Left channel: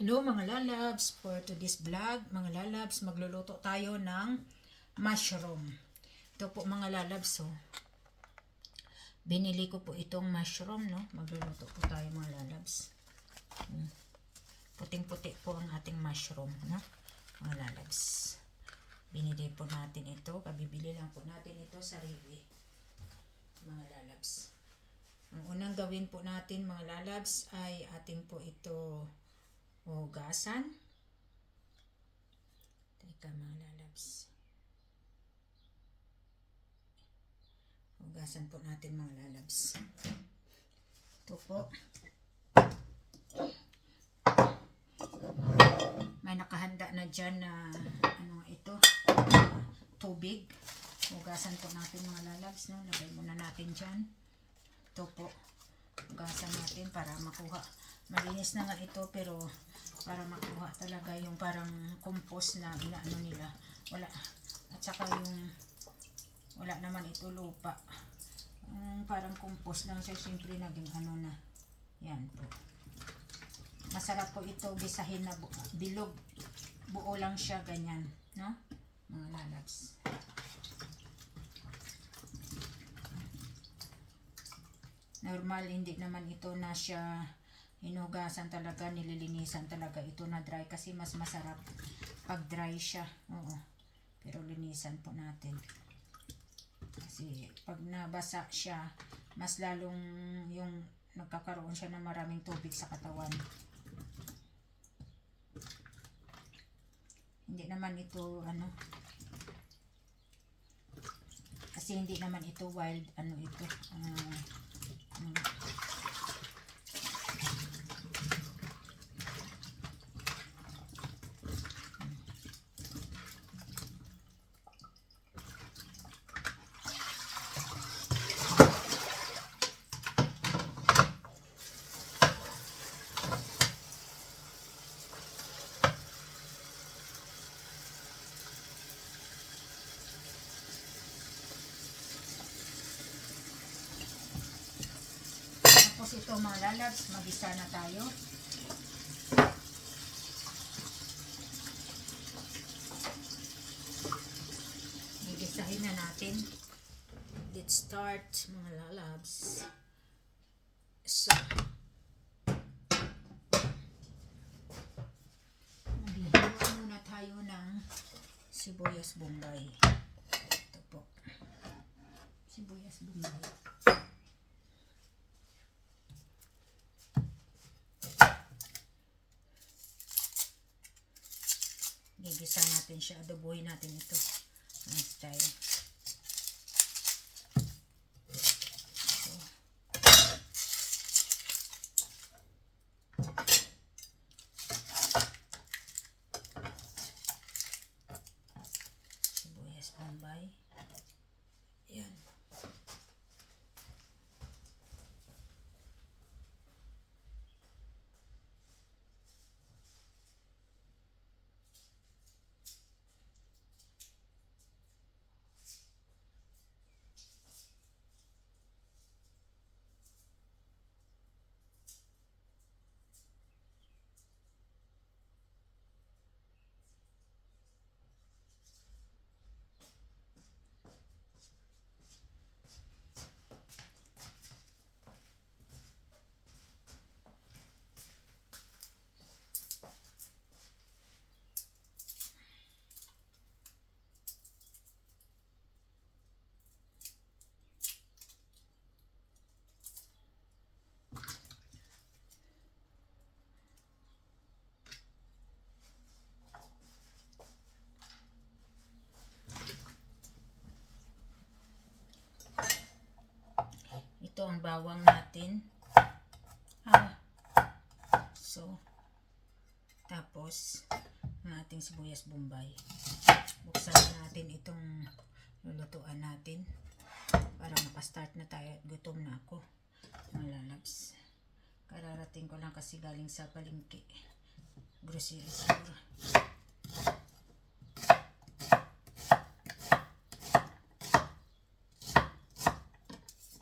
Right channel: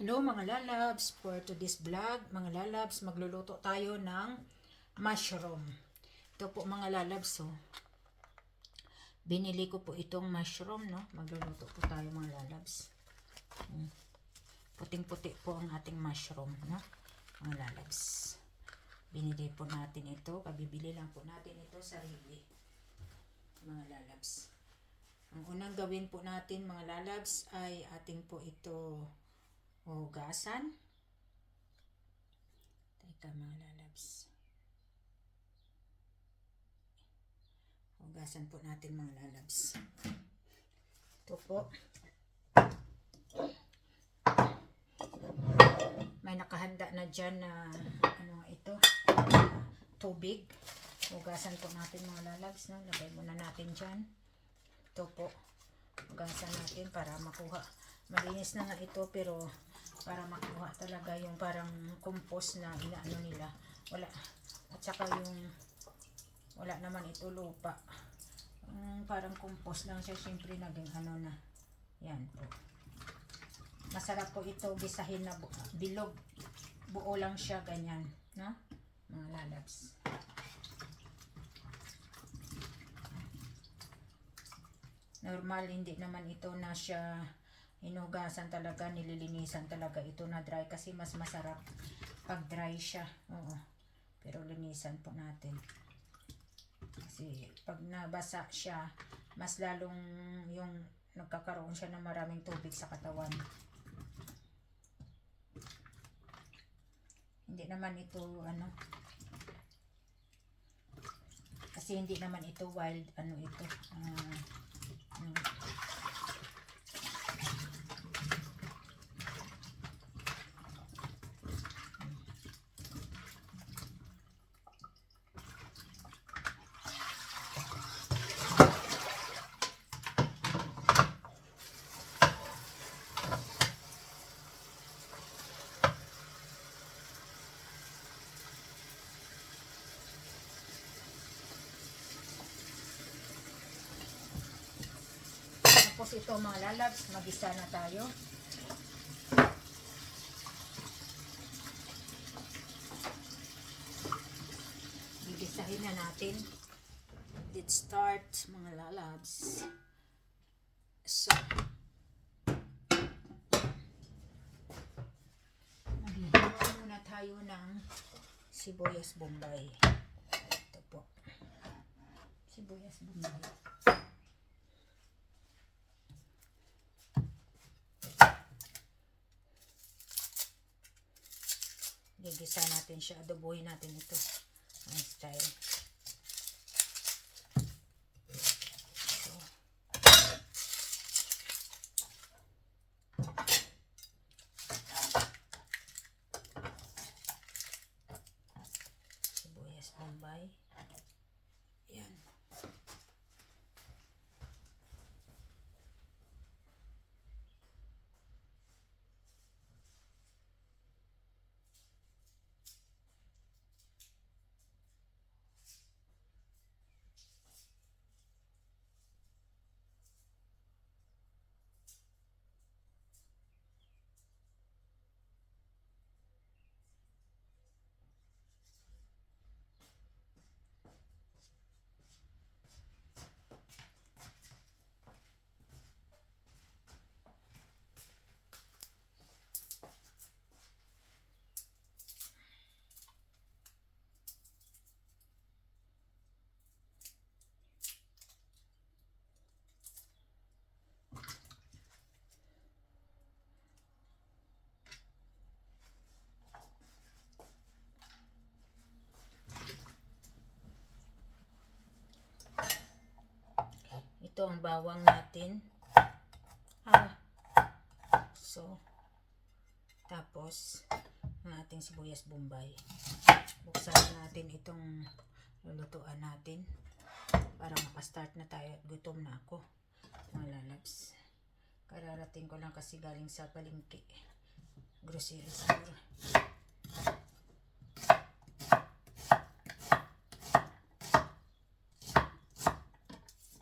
Hello mga lalabs, for today's vlog, mga lalabs, magluluto tayo ng mushroom. Ito po mga lalabs, oh. Binili ko po itong mushroom, no? Magluluto po tayo mga lalabs. Hmm. Puting-puti po ang ating mushroom, no? Mga lalabs. Binili po natin ito, kabibili lang po natin ito sa Rivi. Mga lalabs. Ang unang gawin po natin mga lalabs ay ating po ito hugasan. Teka mga lalabs. Hugasan po natin mga lalabs. Ito po. May nakahanda na dyan na ano ito, tubig. Hugasan po natin mga lalabs. No? Lagay muna natin dyan. Ito po. Hugasan natin para makuha. Malinis na nga ito pero para makuha talaga yung parang compost na inaano nila. Wala. At saka yung wala naman ito lupa. Mm, parang compost lang siya. Siyempre naging ano na. Yan po. Masarap po ito gisahin na bu- bilog. Buo lang siya ganyan. No? Mga lalabs. normal hindi naman ito na siya hinugasan talaga nililinisan talaga ito na dry kasi mas masarap pag dry siya. Oo. Pero linisan po natin. Kasi pag nabasa siya mas lalong yung nagkakaroon siya ng maraming tubig sa katawan. Hindi naman ito ano kasi hindi naman ito wild ano ito ah, Mm. Tapos ito mga lalabs, magisa na tayo. Gigisahin na natin. Let's start mga lalabs. So, maghihalo muna tayo ng sibuyas bombay. Ito po. Sibuyas bombay. Gigisa natin siya. Adobohin natin ito. Ang style. So. Sibuyas bombay. Yan. Ito ang bawang natin. Ah. So, tapos, ang ating sibuyas bombay. Buksan natin itong lulutuan natin para makastart na tayo gutom na ako. Mga lalabs. Kararating ko lang kasi galing sa palengke. Grocery store.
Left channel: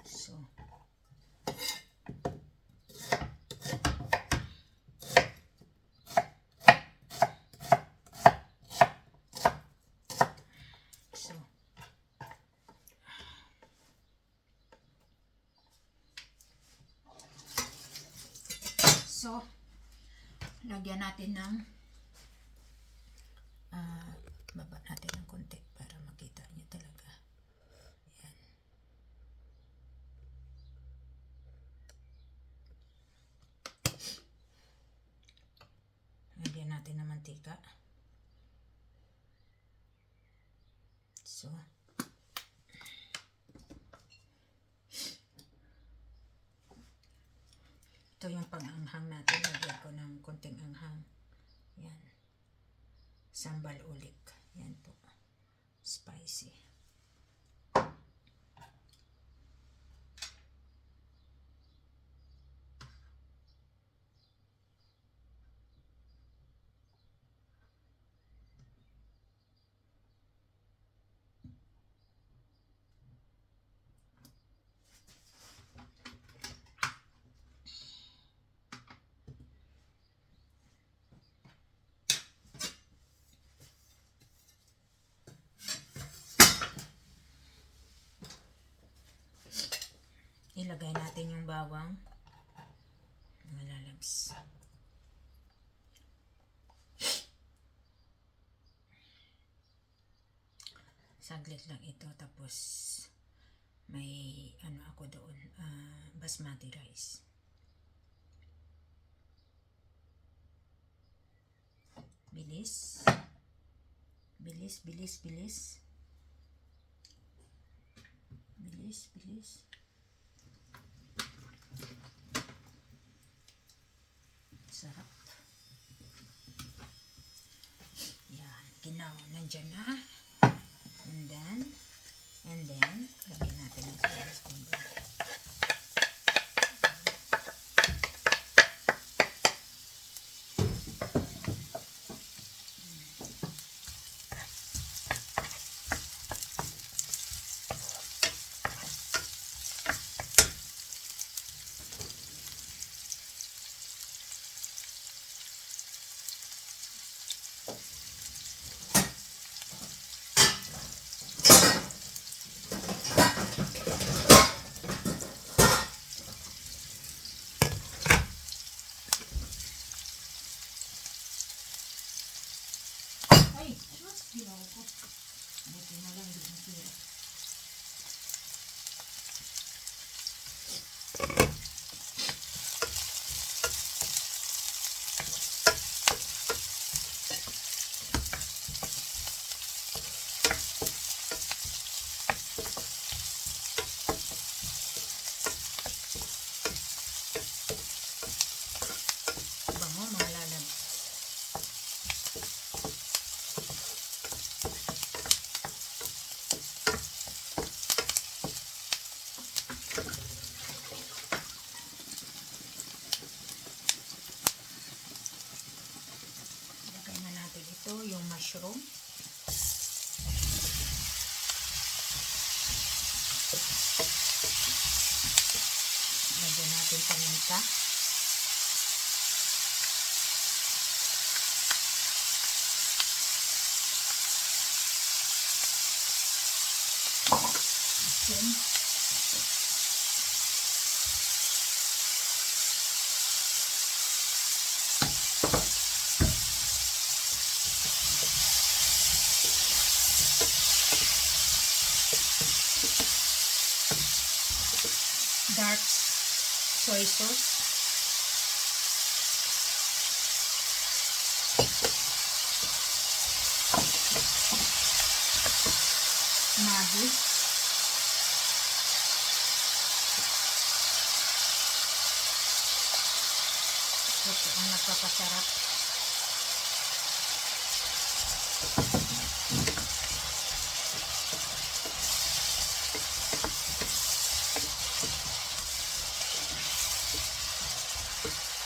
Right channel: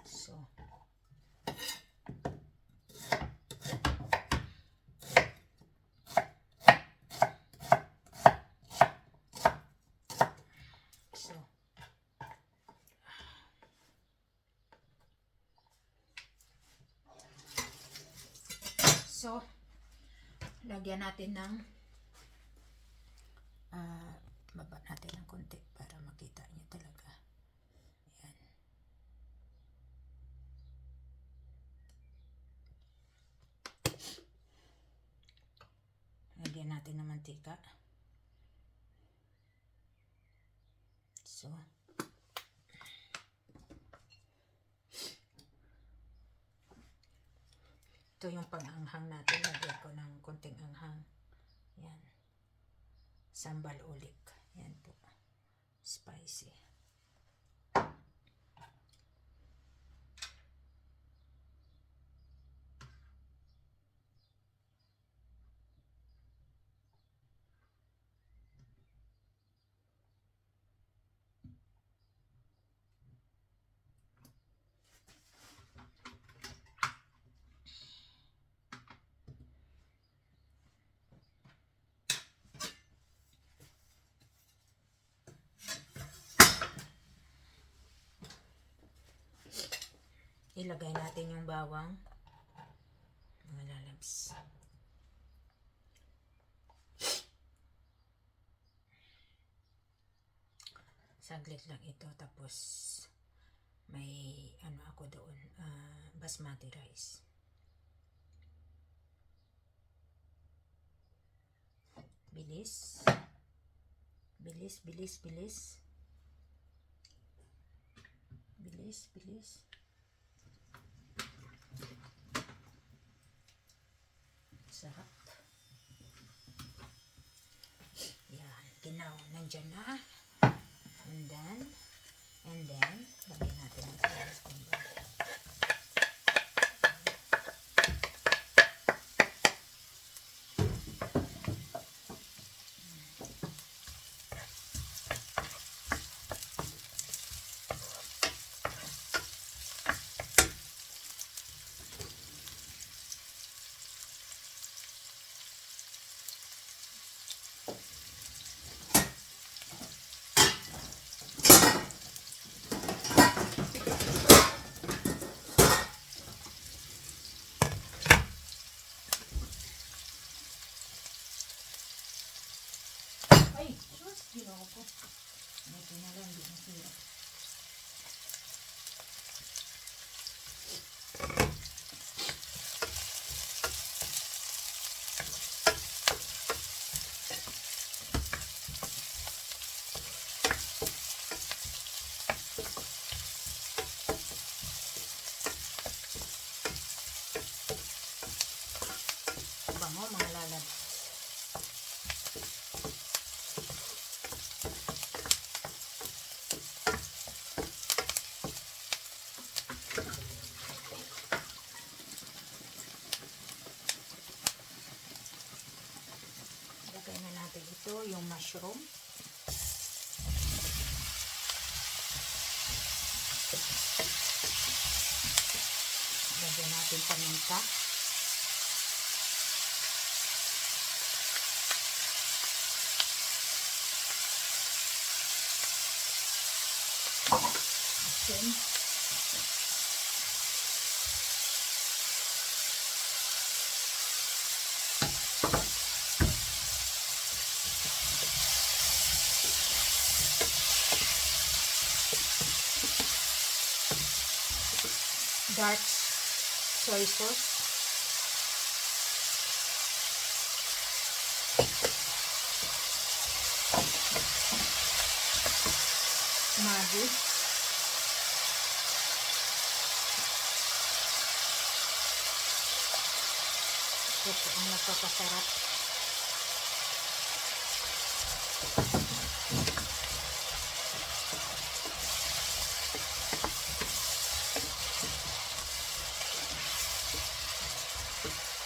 So, So, lagyan natin ng ah, baba natin ng konti para makita niyo talaga. Ayan. Lagyan natin ng mantika. So, ito yung pang-anghang natin. Lagyan ko ng konting anghang. Yan. Sambal ulit. Yan po. Spicy. Ilagay natin yung bawang. Mga lalabs. Saglit lang ito. Tapos, may ano ako doon, ah, basmati rice. Bilis. Bilis, bilis, bilis. Bilis, bilis. Sarap. Yan. Ginaw. Nandyan na. And then, mushroom. Lagyan natin paminta. Asin. Dark soy sauce. Maggi. Ito po ang nagpapasarap.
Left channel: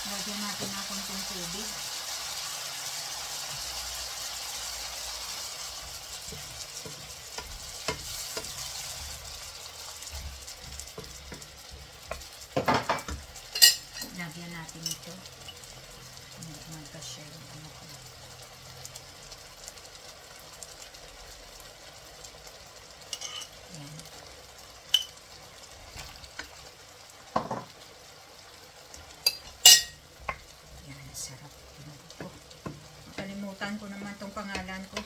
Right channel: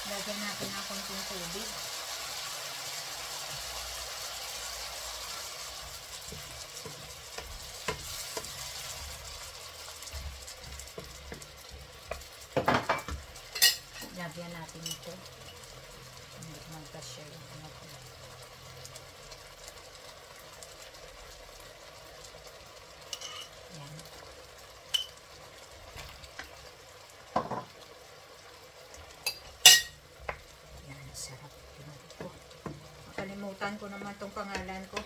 Lagyan natin ng konting tubig. Lagyan natin ito. Mag- Magkasya yung ano ko. Nakalimutan ko naman tong pangalan ko.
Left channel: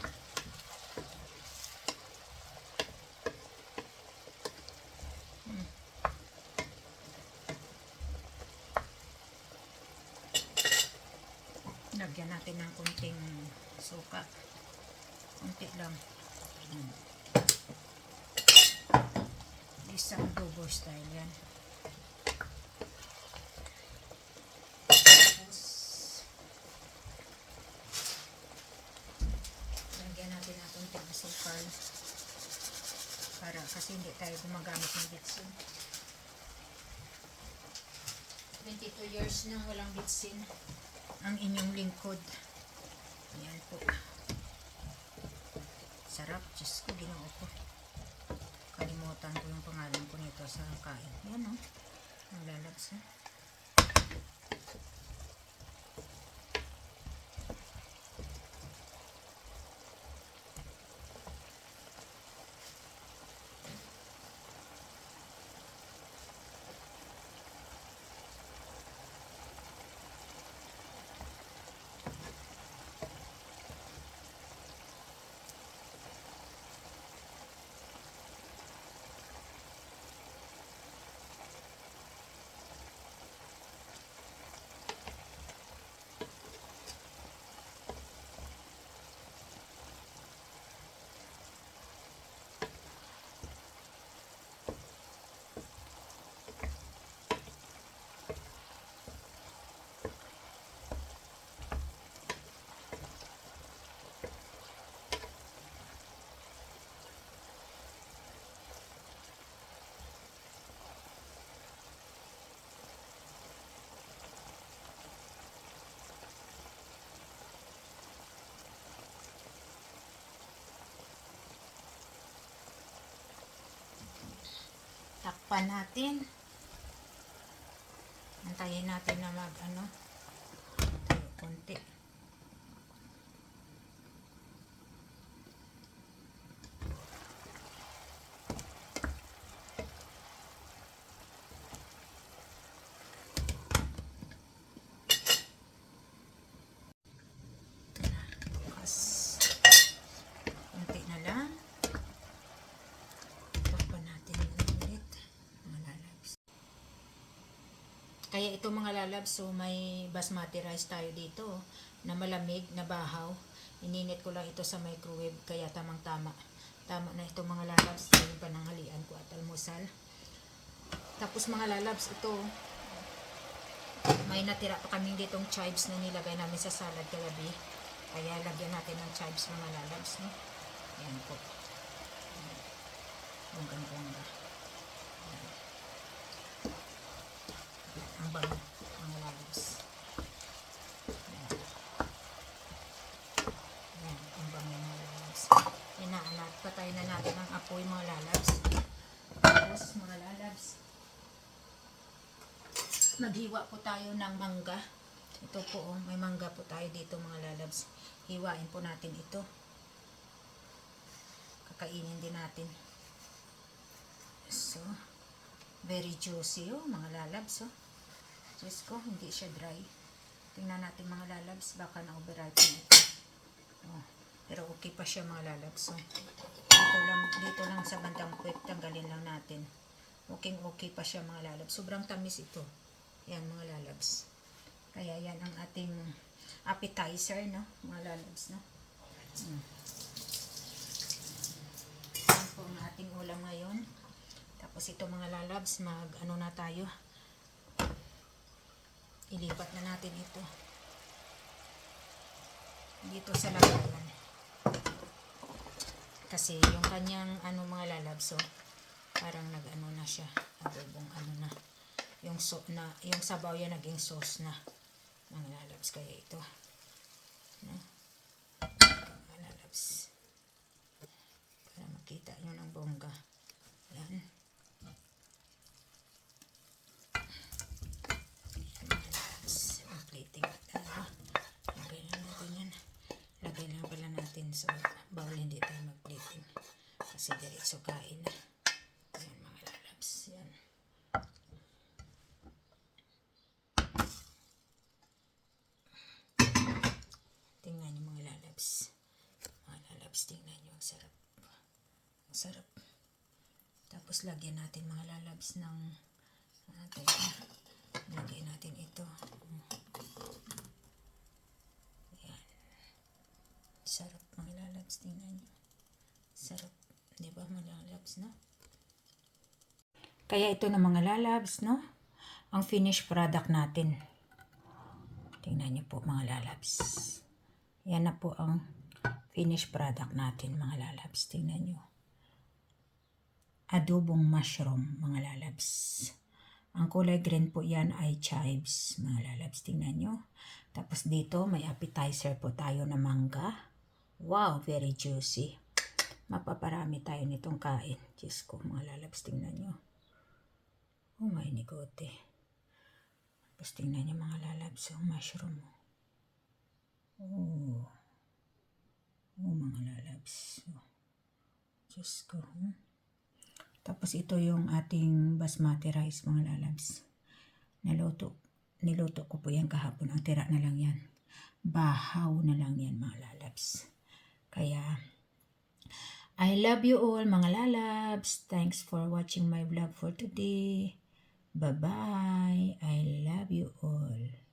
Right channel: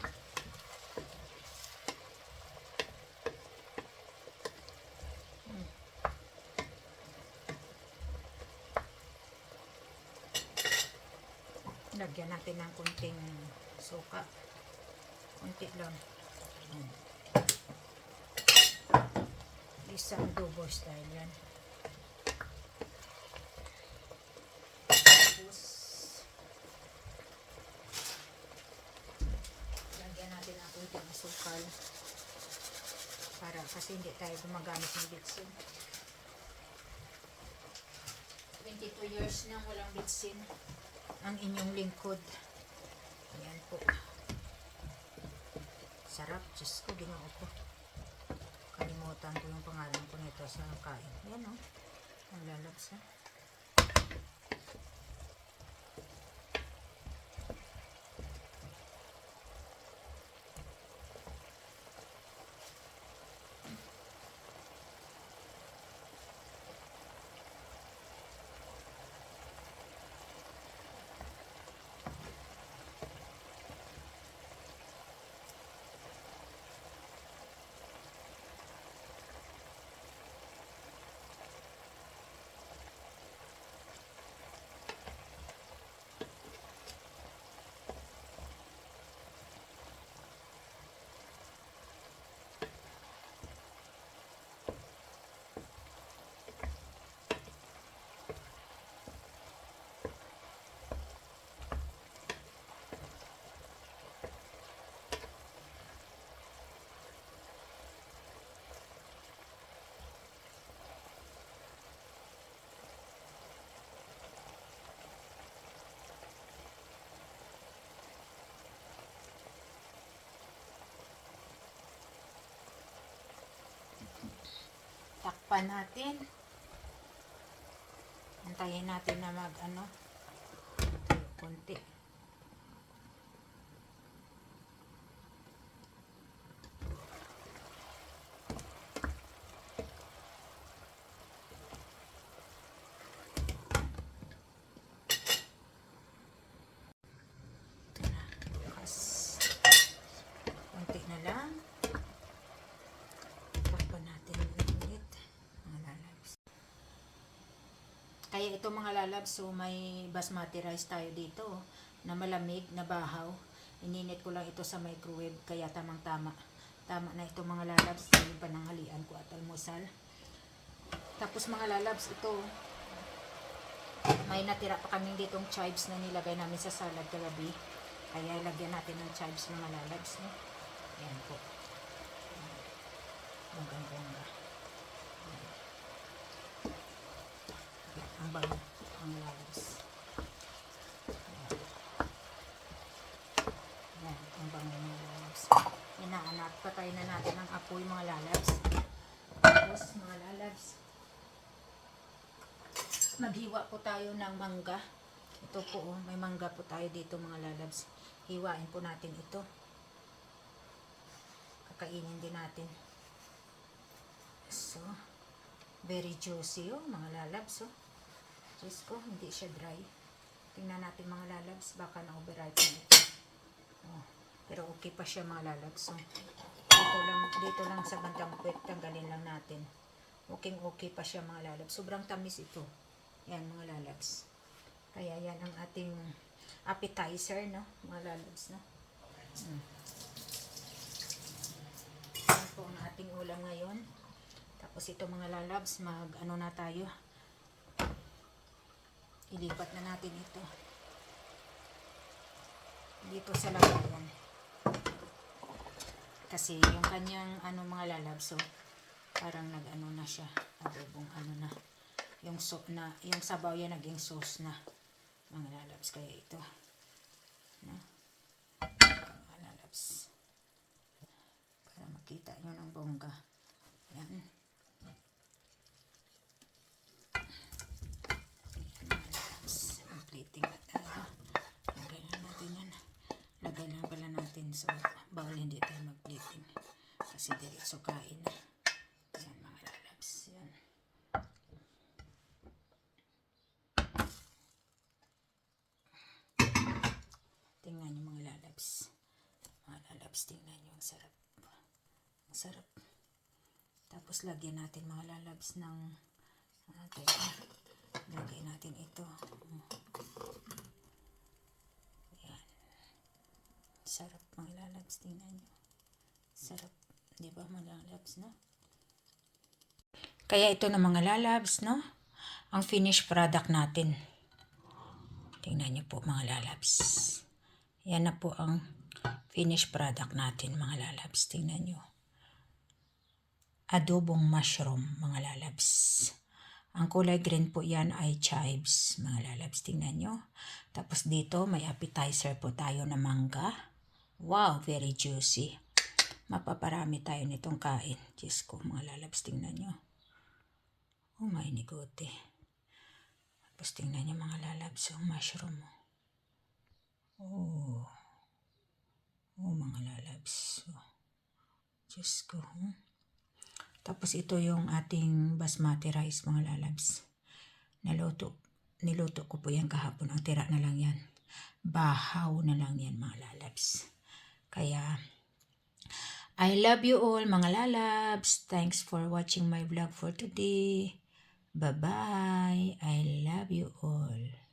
Hmm. Lagyan natin ng kunting suka. Kunti lang. Hmm. Isang dobo style yan. Tapos, lagyan natin ng kunting asukal. Para kasi hindi tayo gumagamit ng bitsin. 22 years na walang bitsin ang inyong lingkod. Ayan po. Sarap. Diyos ko, ginoo ko. Kalimutan ko yung pangalan ko nito sa kain. Yan o. Ang lalabs ha. Takpan natin. Antayin natin na mag ano. Kunti. Ito na. Bukas. Kunti na lang. Takpan natin ulit. Mga lalabs. Kaya ito mga lalabs, so may basmati rice tayo dito na malamig, na bahaw. Ininit ko lang ito sa microwave, kaya tamang tama. Na ito mga lalabs, yung pananghalian ko at almusal. Tapos mga lalabs, ito may natira pa kaming ditong chives na nilagay namin sa salad kagabi. Kaya lagyan natin ng chives mga lalabs. No? Ayan po. Ang ganda. Ang bango. Ang lalabs. Ayan. Ang bango lalabs. Inaanak. Patay na natin ang apoy mga lalabs. Tapos mga lalabs. Maghiwa po tayo ng mangga. Ito po oh, may mangga po tayo dito mga lalabs. Hiwain po natin ito. Kakainin din natin. So, very juicy oh, mga lalabs oh. Diyos ko, hindi siya dry. Tingnan natin mga lalabs, baka na-overripe na ito. Oh, pero okay pa siya mga lalabs. So, dito lang, dito lang sa bandang puwet, tanggalin lang natin. Okay, okay pa siya mga lalabs. Sobrang tamis ito. Yan mga lalabs. Kaya yan ang ating appetizer, no? Mga lalabs, no? Mm. Yan po ang ating ulam ngayon. Tapos ito mga lalabs, mag ano na tayo. Ilipat na natin ito. Dito sa lagayan. Kasi yung kanyang ano mga lalabs, so parang nag-ano na siya. Adobong ano na. Yung so na, yung sabaw yan naging sauce na. Mga lalabs kaya ito. No? Mga lalabs. Para makita nyo ng bongga. Yan. Lalabs. Ang plating na tayo. Lagay na natin yan. Lagay na pala natin sa bawal hindi tayo mag-plating. Kasi diretso kain na. Yan mga lalabs. Yan. Tingnan yung mga lalabs. Mga lalabs, tingnan nyo. Ang sarap. Ang sarap. Tapos lagyan natin mga lalabs ng ah, teka. Lagyan natin ito. Ayan. Sarap mga lalabs. Tingnan nyo. Sarap. Di ba mga lalabs, no? Kaya ito na mga lalabs, no? Ang finished product natin. Tingnan nyo po mga lalabs. Yan na po ang finished product natin mga lalabs. Tingnan nyo. Adobong mushroom mga lalabs. Ang kulay green po yan ay chives mga lalabs. Tingnan nyo. Tapos dito may appetizer po tayo na mangga. Wow, very juicy. Mapaparami tayo nitong kain. Diyos ko mga lalabs. Tingnan nyo. Oh my nigote. Tapos tingnan niyo mga lalabs, yung mushroom. Oh. Oh, mga lalabs. Oh. Diyos ko. hmm. Tapos ito yung ating basmati rice, mga lalabs. Naluto. Niluto ko po yan kahapon. Ang tira na lang yan. Bahaw na lang yan, mga lalabs. Kaya, I love you all, mga lalabs. Thanks for watching my vlog for today. Bye-bye. I love you all.